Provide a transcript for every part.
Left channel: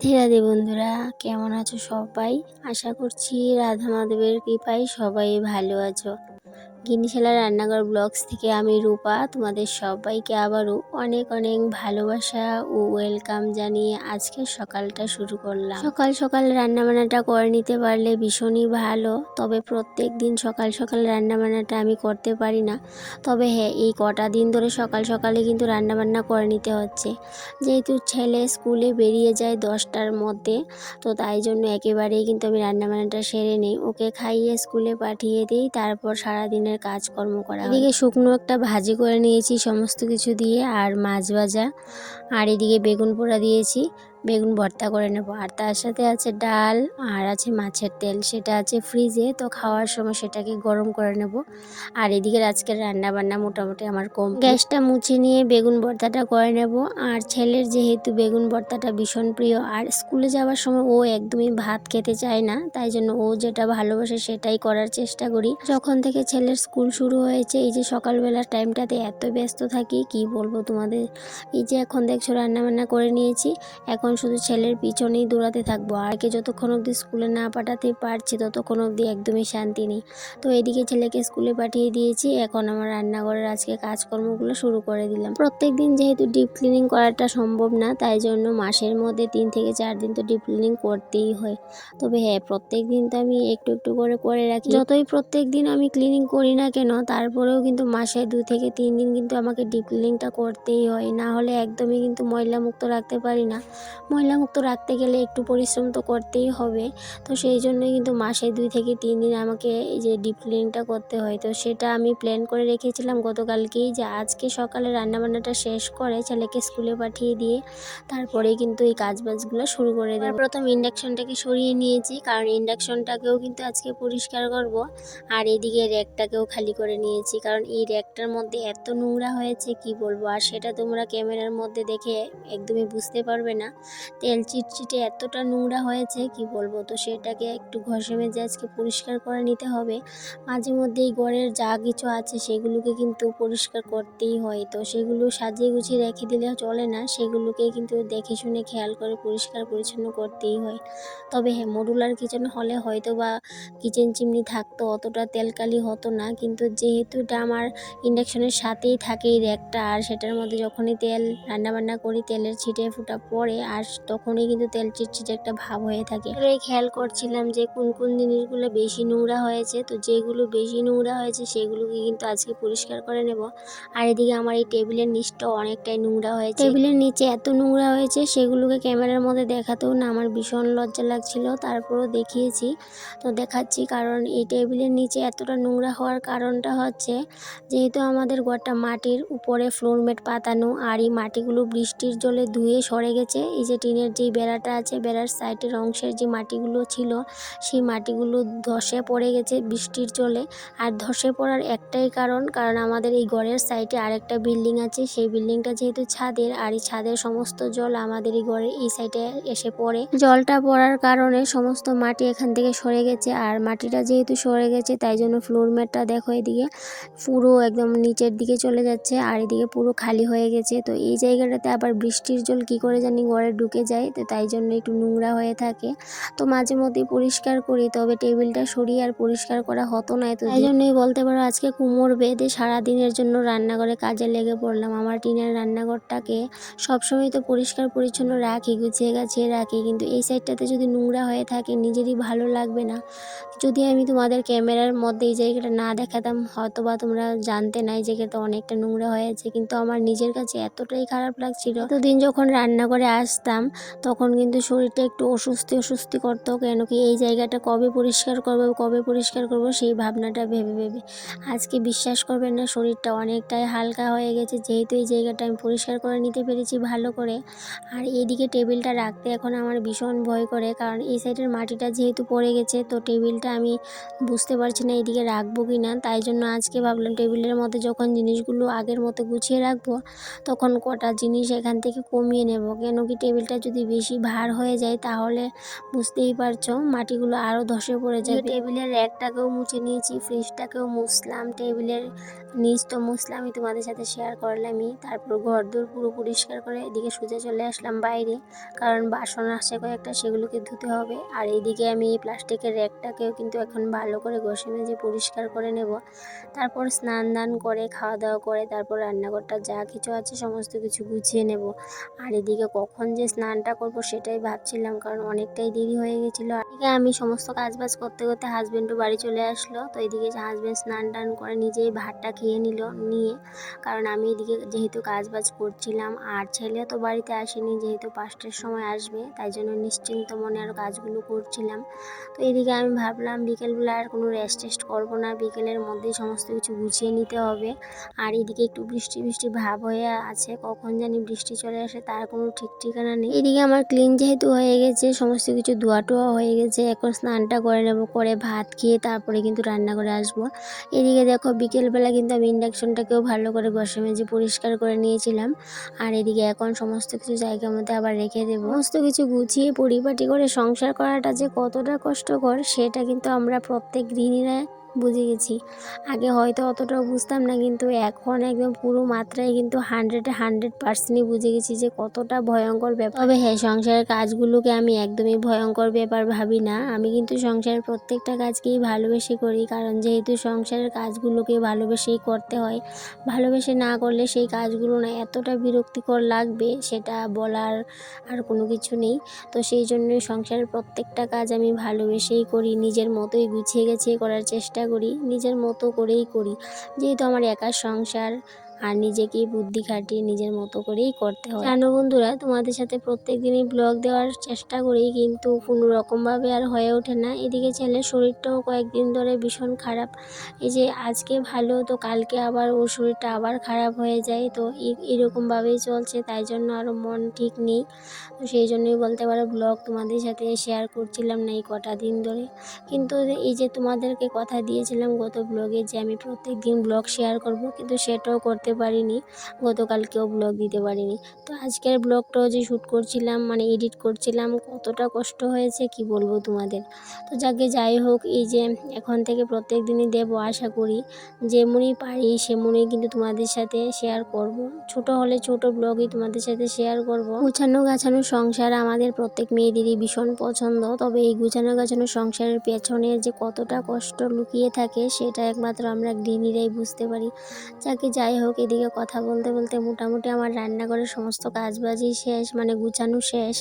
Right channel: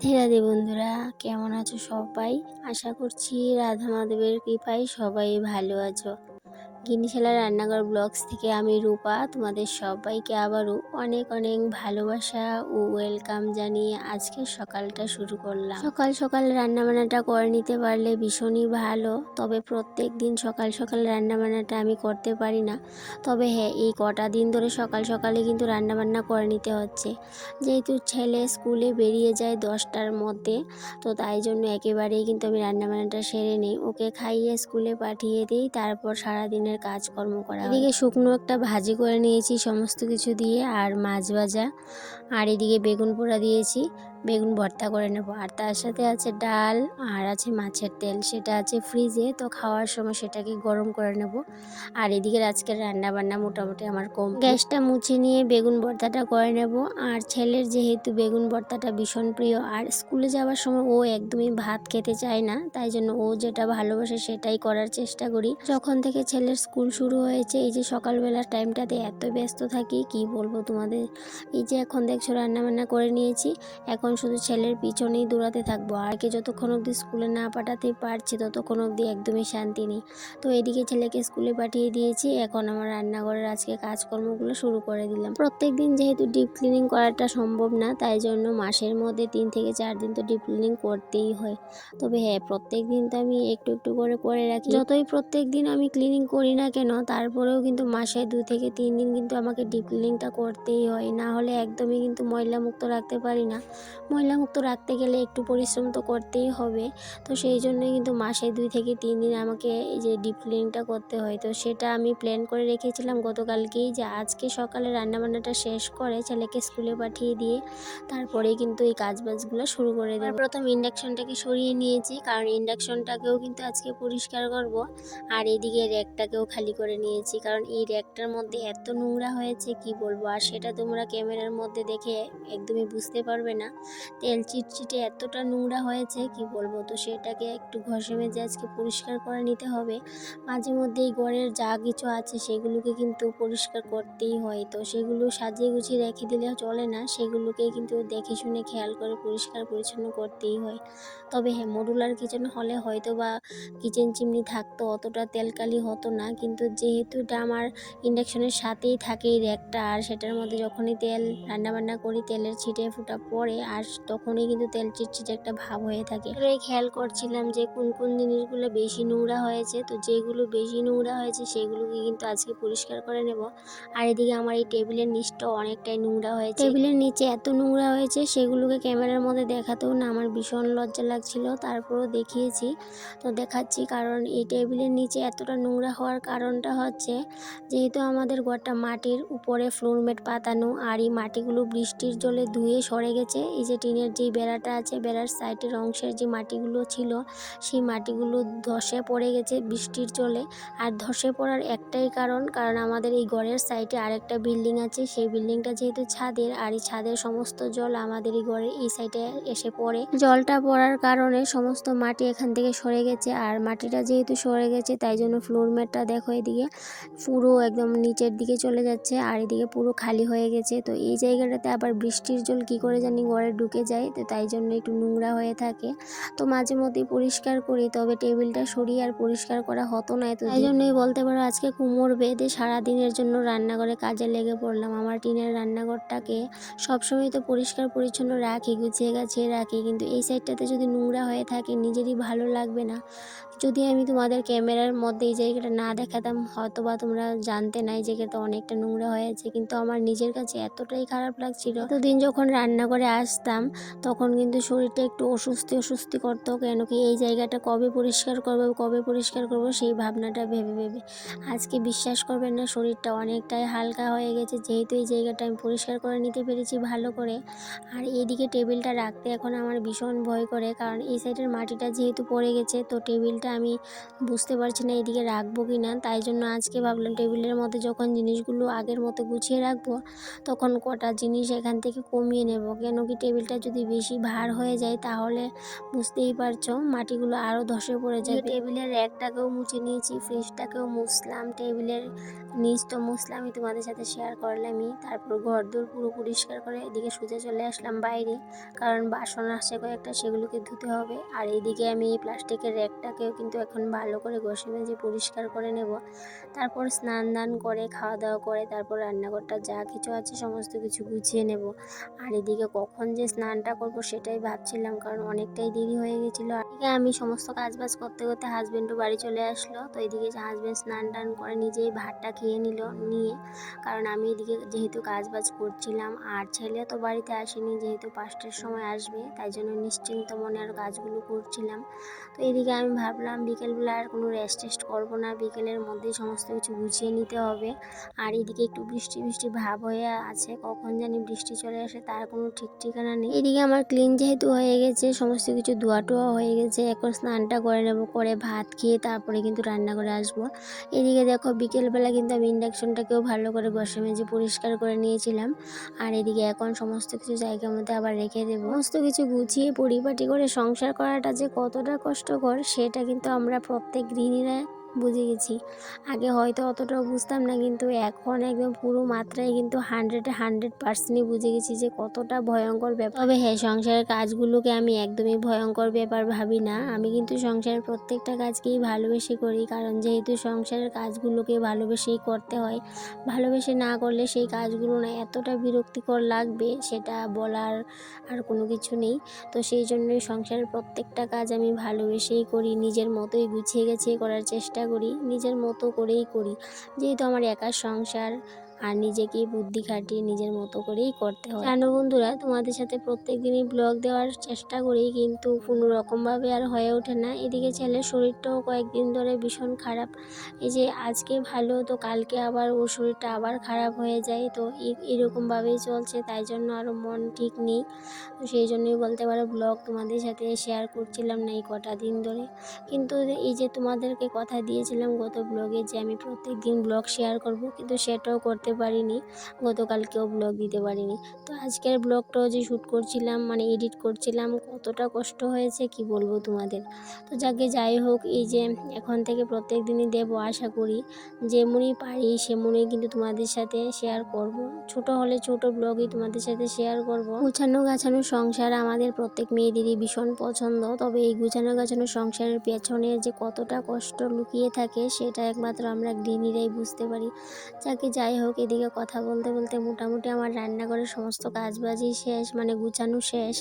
রাধে রাধে বন্ধুরা, কেমন আছো সবাই? আশা করছি রাধা মাধবের কৃপায় সবাই ভালো আছো। গিনিশালা রান্নাঘর ব্লগস থেকে আমি রূপা তোমাদের সবাইকে আবারও অনেক অনেক ভালোবাসা ও ওয়েলকাম জানিয়ে আজকের সকালটা শুরু করলাম। সকাল সকাল রান্নাবান্নাটা করে নিতে পারলে ভীষণই ভালো, তবে প্রত্যেক দিন সকাল সকাল রান্নাবান্নাটা আমি করতে পারি না। তবে হ্যাঁ, এই কটা দিন ধরে সকাল সকালে কিন্তু রান্নাবান্না করে নিতে হচ্ছে, যেহেতু ছেলে স্কুলে বেরিয়ে যায় 10টার মধ্যে। তো তাই জন্য একেবারেই কিন্তু আমি রান্নাবান্নাটা সেরে নিই, ওকে খাইয়ে স্কুলে পাঠিয়ে দিই, তারপর সারাদিনের কাজকর্ম করা হয়। এদিকে শুকনো একটা ভাজি করে নিয়েছি সমস্ত কিছু দিয়ে, আর মাছ ভাজা, আর এদিকে বেগুন পোড়া দিয়েছি, বেগুন ভর্তা করে নেব। আর তার সাথে আছে ডাল, আর আছে মাছের তেল, সেটা আছে ফ্রিজে, তো খাওয়ার সময় সেটাকে গরম করে নেব। আর এদিকে আজকের রান্না বান্না মোটামুটি আমার কম। গ্যাসটা মুছে নিয়ে বেগুন ভর্তাটা করে নেব। আর ছেলের যেহেতু বেগুন ভর্তাটা ভীষণ প্রিয়, আর স্কুলে যাওয়ার সময় ও একদমই ভাত খেতে চায় না, তাই জন্য ও যেটা ভালোবাসে সেটাই করার চেষ্টা করি। যখন থেকে ছেলের স্কুল শুরু হয়েছে, এই যে সকালবেলার টাইমটাতে এত ব্যস্ত থাকি কি বলবো তোমাদের। এই যে এখন দেখছো রান্না বান্না করে নিয়েছি, এখন শুধু ছেলের পিছনেই দৌড়াতে থাকবো। আর কে যতক্ষণ অবধি স্কুলে না পাঠাতে পারছি ততক্ষণ অবধি একদমই শান্তি নেই। তো এদিকে ছেলেকে স্কুলে পাঠিয়ে দিয়েছি, এখন আমার রান্নাঘরের আজকে কাজকর্মগুলো শুরু করে দিলাম। প্রত্যেক দিন যেহেতু ডিপ ক্লিনিং করাটা সম্ভব না, তাই জন্য মাসের মধ্যে 3 থেকে 4 দিন তো ডিপ ক্লিনিং করতেই হয়। তবে হ্যাঁ, প্রত্যেক দিন তো আমি একটু একটু করে রাখি। যতই প্রত্যেক দিন আমি ক্লিনিং করি না কেন, তারপরেও কিন্তু মাসে 2 থেকে 3 দিন কিন্তু আমাকে ডিপ ক্লিনিংটা করতেই হয়, না হলে একদমই কিন্তু ময়লা মুক্ত রাখতে পারি না। ময়লা মুক্ত রাখতে গেলে একটু পরিশ্রম তো করতেই হবে। তো সেই জন্যই কিন্তু মাসে 2 থেকে 3 দিন আমাকে এই যে ডিপ ক্লিনিংটা করতে হয়। তো সেটা আমি প্ল্যান করে রেখেছিলাম গতকালকেই, যে আজকে সকালে রান্নাবান্নাটা শেষ করে ছেলেকে স্কুলে পাঠিয়ে দিয়ে তারপরেই কিন্তু এই কাজবাজগুলো শুরু করে দেবো। প্রথম ইন্ডাকশনটাকে সরিয়ে নিয়েছি, কারণ ইন্ডাকশনটাকেও কিন্তু আজকে পরিষ্কার করব। আর এদিকে র্যাকটাকেও খালি করে নিয়েছি, কারণ এই র্যাকটার মধ্যে এত নোংরা হয়েছে কি বলবো। আর সেটা তোমরা ক্যামেরার মধ্যে দেখে একদমই বুঝতে পারবে না, তেল চিটচিটে এতটা নোংরা হয়েছে কি বলবো। তো সেটাকে একটু ঘষে মেজে আজকে পরিষ্কার করে নিতে হবে। মাঝে মধ্যেই ঘরের যা কিছু আছে সেগুলোকে কিন্তু পরিষ্কার করতেই হয়, তো সেগুলো সাজিয়ে গুছিয়ে রেখে দিলে চলে না, সেগুলোকে কিন্তু দেখে শুনে খেয়াল করে পরিষ্কার পরিচ্ছন্ন করতেই হয়। তবে হ্যাঁ, মডুলার কিচেন হলে হয়তো বা কিচেন চিমনি থাকতো, অতটা তেলকালি হতো না, কিন্তু যেহেতু এটা আমার ইন্ডাকশনের সাথেই থাকে এই র্যাকটা, আর সেটার মধ্যে যখনই তেল রান্নাবান্না করি তেলের ছিটে ফুটা পড়ে, আর তখনই কিন্তু তেল চিটচিটে একটা ভাব হয়ে থাকে। এটাই খেয়াল করছিলাম যে কোন কোন জিনিসগুলো বেশি নোংরা হয়েছে, তো যেগুলো বেশি নোংরা হয়েছে সেগুলোকে কিন্তু আজকে পরিষ্কার করে নেব। আর এদিকে আমার এই টেবিলের নিচটাও অনেকটাই নোংরা হয়েছে, টেবিলের নিচে এত নোংরা হয়েছে সেগুলোকে ক্যামেরার মধ্যে দেখাতেও না আমার ভীষণ লজ্জা লাগছিল, তারপরও দেখিয়েছি। তো দেখাচ্ছি, কারণ এই টেবিলের নিচে এতটা নোংরা হওয়ার কারণটা হচ্ছে, যেহেতু আমাদের ঘরটা মাটির উপরে ফ্লোরম্যাট পাতানো, আর এই মাটিগুলো বৃষ্টির জলে ধুয়ে সরে গেছে। এই যে টিনের যে বেড়াটা আছে, বেড়ার সাইডের অংশের যে মাটিগুলো ছিল সেই মাটিগুলো ধসে পড়ে গেছে বৃষ্টির জলে। আর ধসে পড়ার একটাই কারণ আমাদের এই ঘরের সাইডে আরেকটা বিল্ডিং আছে, সেই বিল্ডিংটা যেহেতু ছাদের, আর এই ছাদের সমস্ত জল আমাদের এই ঘরের এই সাইডে এসে পড়ে। জলটা পড়ার কারণে সমস্ত মাটি এখান থেকে সরে গেছে, আর মাটিটা যেহেতু সরে গেছে তাই জন্য ফ্লোর ম্যাটটা দেখো এদিকে পুরো একদম নিচের দিকে চলে যাচ্ছে, আর এদিকে পুরো খালি হয়ে গেছে। তো এই জায়গাটাতে আবার বৃষ্টির জল কি করে জানি ঘরে ঢুকে যায়, তো তাই জন্য একটু নোংরা হয়ে থাকে। তো মাঝে মধ্যে পরিষ্কার করি, তবে টেবিলটা সরিয়ে আর পরিষ্কার করা হতো না, তো তাই জন্যই বলতে পারো আজকে কোমর বেঁধে সারাদিনের জন্য রান্নাঘরে কাজে লেগে পড়লাম। আমার টিনের রান্নাঘরটাকে সবসময় তো পরিষ্কার পরিচ্ছন্ন রাখি, গুছিয়ে গাছিয়ে রাখি, কিন্তু এই সাইডটাতে যদি নোংরা হয়ে থাকে নিজেরই ভালো লাগবে না। যদি আমি তোমাদের ক্যামেরার মধ্যে এই জায়গাটা না দেখাতাম হয়তো বা তোমরা জানতে না এই জায়গাটা অনেকটা নোংরা হয়েছে, কিন্তু আমার নিজের কাছে এতটাই খারাপ লাগছিল। এতদিন যখন রান্নাঘরে আসতাম তখন কিন্তু শরীরটা একটু অস্বস্তি অস্বস্তি করতো, কেন কি এই জায়গাটা কবে পরিষ্কার করবো সেই ভাবনাটা ভেবে ভেবে। আজকে বিশ্বাস করবেন না, শরীরটা অনেকটাই হালকা হয়ে গেছে, যেহেতু এই জায়গাটা আমি পরিষ্কার করে নিতে পেরেছি ভালো করে। আর এইদিকে টেবিলটা রাখতে এখন আমার ভীষণ ভয় করে, কারণ এই সাইডের মাটিটা যেহেতু পড়ে গেছে, তো টেবিলটা আমি বুঝতে পারছি না এইদিকে রাখবো কি না। তাই জন্য আজকে ভাবলাম টেবিলের মধ্যে যখন জিনিসগুলো আগের মতো গুছিয়ে রাখবো, তখন কটা জিনিস এখান থেকে কমিয়ে নেব, কেন কি টেবিলটা যদি বেশি ভার হয়ে যায় তাহলে বুঝতেই পারছো মাটিগুলো আরও ধসে পড়ে যাবে। টেবিলের র্যাকটাকেও মুছে নিয়েছি, ফ্রিজটাকেও মুছলাম, টেবিলের নিজ তো মুছলাম, আমি তোমাদের সাথে শেয়ার করলামই। তারপর ঘরদোর পুরো পরিষ্কার করে এদিকে সোজা চলে আসলাম বাইরে, কারণ বাসন আসে কয়েকটা, সেগুলোকে ধুতে হবে। আর এদিকে আমি এই প্লাস্টিকের র্যাকটাকেও কিন্তু এখন ভালো করে ঘষে মেজে পরিষ্কার করে নেব। তারপর স্নান দান করে খাওয়া দাওয়া করে তারপর রান্নাঘরটা যা কিছু আছে সমস্ত কিছু গুছিয়ে নেব। আর এদিকে কখন যে স্নানটা করব সেটাই ভাবছিলাম, কারণ অনেকটাই দেরি হয়ে গেছিলো। এদিকে আমি সমস্ত কাজ বাজ করতে করতে হাজব্যান্ডও বাড়ি চলে আসলো। তো এদিকে হাজব্যান্ড স্নান টান করে নিজেই ভাতটা খেয়ে নিয়ে, কারণ আমি এদিকে যেহেতু কাজ বাজ করছিলাম আর ছেলে তো বাড়িতে আসেনি, যেহেতু 5টার সময় আসবে, তাই জন্য নিশ্চিন্ত মনে আরও কাজগুলো করছিলাম। তো এদিকে আমি ভাবলাম বিকেলবেলা আর কোনো রেস্ট টেস্ট করবো না, বিকেলের মধ্যেই সমস্ত কিছু গুছিয়ে নিতে হবে। আর এদিকে একটু বৃষ্টি বৃষ্টি ভাব হয়ে আছে, কখন জানি বৃষ্টি চলে আসে তার কোনো ঠিক ঠিকানা নেই। এদিকে আমার ক্লিন যেহেতু হয়ে গেছে, সমস্ত কিছু ধোয়া টোয়া হয়ে গেছে, এখন স্নানটা করে নেবো, করে ভাত খেয়ে তারপরে কিন্তু রান্না করে আসবো। এদিকে দেখো বিকেলবেলা কিন্তু আমি ইন্ডাকশনটাকেও ভালো করে ঘষে মেজে পরিষ্কার করে নিয়েছিলাম। আর এদিকে এখন সমস্ত কিছু জায়গার মধ্যে আবার রেখে দেবো। সমস্ত কিছু গুছিয়ে পরিপাটি করে সংসার করাটা যে কতটা কষ্টকর সেটা কিন্তু আমরা প্রত্যেক গৃহিণীরা বুঝে গেছি। আগে হয়তো অতটাও বুঝতাম না, কিন্তু এখন একদম পুরো মাত্রায় কিন্তু 100% বুঝে গেছি যে কতটা ভয়ঙ্কর ব্যাপার। তবে হ্যাঁ, সংসারের কাজগুলোকে আমি একদমই ভয়ঙ্কর ব্যাপার ভাবি না। আমি কিন্তু সংসারের প্রত্যেকটা কাজকেই ভালোবেসে করি, কারণ যেহেতু সংসারের কাজগুলোকে ভালোবেসেই করতে হয়। ভালোবেসে না করলে সেই কাজগুলো না এতটা বিরক্তিকর লাগবে, সেটা বলার আর কোনো কিছু নেই। তো সেই জন্যই সংসারের প্রত্যেকটা কাজ আমি ভালোবেসেই করি, নিজের মতোই গুছিয়ে গেছিয়ে করার চেষ্টা করি, নিজের মতো করেই করি। যেহেতু আমার একার সংসার, আর নিজেকেই বুদ্ধি খাটিয়ে নিজের মতো করেই করতে হয়। জানো বন্ধুরা, তোমাদের সাথে প্রত্যেক দিনই ব্লগ দেওয়ার চেষ্টা করি, কিন্তু কোনো রকমভাবে আর হয়ে ওঠে না। এদিকে ছেলের শরীরটাও কয়েকদিন ধরে ভীষণ খারাপ। এই যে আজকে ভালো, তো কালকে আবার ওর শরীরটা আবার খারাপ হয়ে যায়। তো এরকমভাবেই চলছে, তাই জন্য আরও মন ঠিক নেই। তো সেই জন্যই বলতে পারো ব্লগ তোমাদের সাথে শেয়ার করছিলাম না এই কটা দিন ধরে। কিন্তু এই যে তোমাদেরকে কথা দিয়েছিলাম গত ব্লগে যে আমি প্রত্যেক দিন ব্লগ শেয়ার করব, কিন্তু সেটাও করতে পারিনি, গতকালকেও ব্লগ দিতে পারিনি। তো আজকের ব্লগটাও যে শ্যুট করছিলাম, মানে এডিট করছিলাম, কতটা কষ্ট হয়েছে কি বলবো তোমাদের। তো যাই হোক, এই যে এখন থেকে প্রত্যেক দিনই দেবো আশা করি, যেমনই পারি সেমনই কিন্তু তোমাদের সাথে শেয়ার করব। ছোট হলে ছোট ব্লগই তোমাদের সাথে শেয়ার করব। গুছানো গাছানো সংসার আমাদের প্রত্যেক মেয়েদেরই ভীষণ পছন্দ, তবে এই গুছানো গাছানো সংসারের পেছনে যে কতটা কষ্ট লুকিয়ে থাকে সেটা একমাত্র আমরা গৃহিণীরাই বুঝতে পারি। যাই হোক, এদিকে কথা বলতে বলতে মোটামুটি আমার রান্নাঘরের সমস্ত কাজবাজই শেষ, মানে গুছানো শেষ।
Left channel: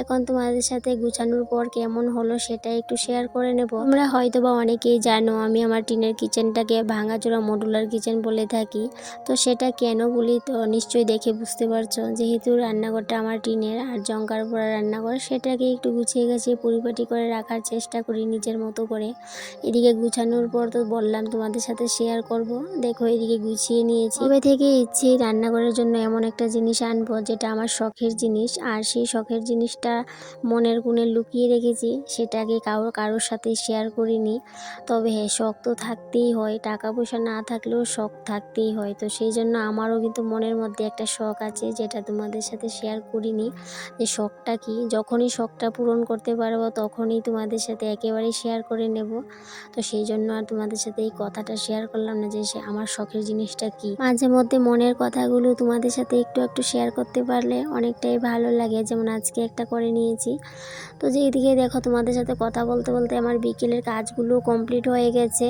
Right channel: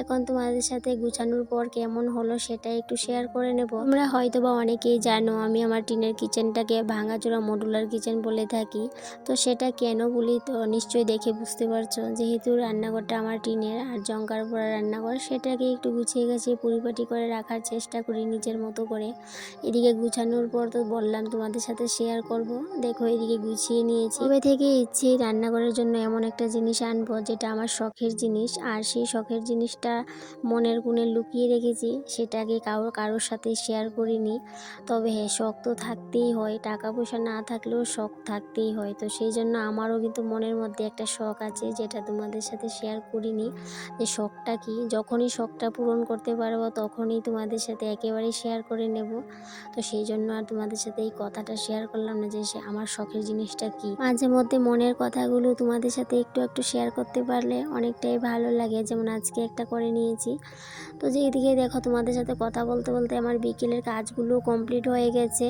এখন তোমাদের সাথে গুছানোর পর কেমন হলো সেটা একটু শেয়ার করে নেব। তোমরা হয়তো বা অনেকেই জানো আমি আমার টিনের কিচেনটাকে ভাঙাচোরা মডুলার কিচেন বলে থাকি। তো সেটা কেন বলি তো নিশ্চয়ই দেখে বুঝতে পারছো, যেহেতু রান্নাঘরটা আমার টিনের আর জংকার পড়া রান্নাঘর, সেটাকে একটু গুছিয়ে গাছিয়ে পরিপাটি করে রাখার চেষ্টা করি নিজের মতো করে। এদিকে গুছানোর পর তো বললাম তোমাদের সাথে শেয়ার করব। দেখো এদিকে গুছিয়ে নিয়েছি। তবে থেকে ইচ্ছে রান্নাঘরের জন্য এমন একটা জিনিস আনবো যেটা আমার শখের জিনিস, আর সেই শখের জিনিসটা মনের কোণে লুকিয়ে রেখেছি, সেটাকে কারোর সাথে শেয়ার করিনি। তবে হ্যাঁ, শখ তো থাকতেই হয়, টাকা পয়সা না থাকলেও শখ থাকতেই হয়। তো সেই জন্য আমারও কিন্তু মনের মধ্যে একটা শখ আছে, যেটা তোমাদের সাথে শেয়ার করিনি। যে শখটা কি, যখনই শখটা পূরণ করতে পারবো তখনই তোমাদের সাথে একেবারে শেয়ার করে নেব। তো সেই জন্য আর তোমাদের সাথে এই কথাটা শেয়ার করলাম না যে আমার শখের জিনিসটা কি। মাঝে মধ্যে মনের কথাগুলো তোমাদের সাথে একটু একটু শেয়ার করতে পারলে অনেকটাই ভালো লাগে, যেমন আজকে একটা করে নিয়েছি। তো যে এদিকে দেখো তোমাদের সাথে কথা বলতে বলতে আমার বিকেলের কাজগুলো কমপ্লিট হয়ে গেছে।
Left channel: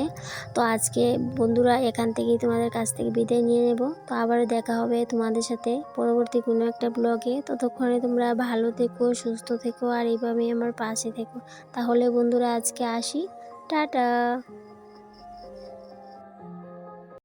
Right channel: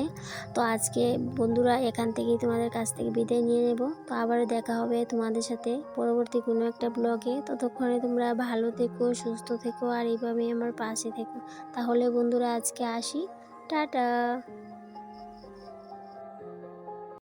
তো আজকে বন্ধুরা এখান থেকেই তোমাদের কাছ থেকে বিদায় নিয়ে নেব। তো আবার দেখা হবে তোমাদের সাথে পরবর্তী কোনো একটা ব্লগে। ততক্ষণে তোমরা ভালো থেকো, সুস্থ থেকো, আর এইভাবেই আমার পাশে থেকো। তাহলে বন্ধুরা আজকে আসি, টাটা।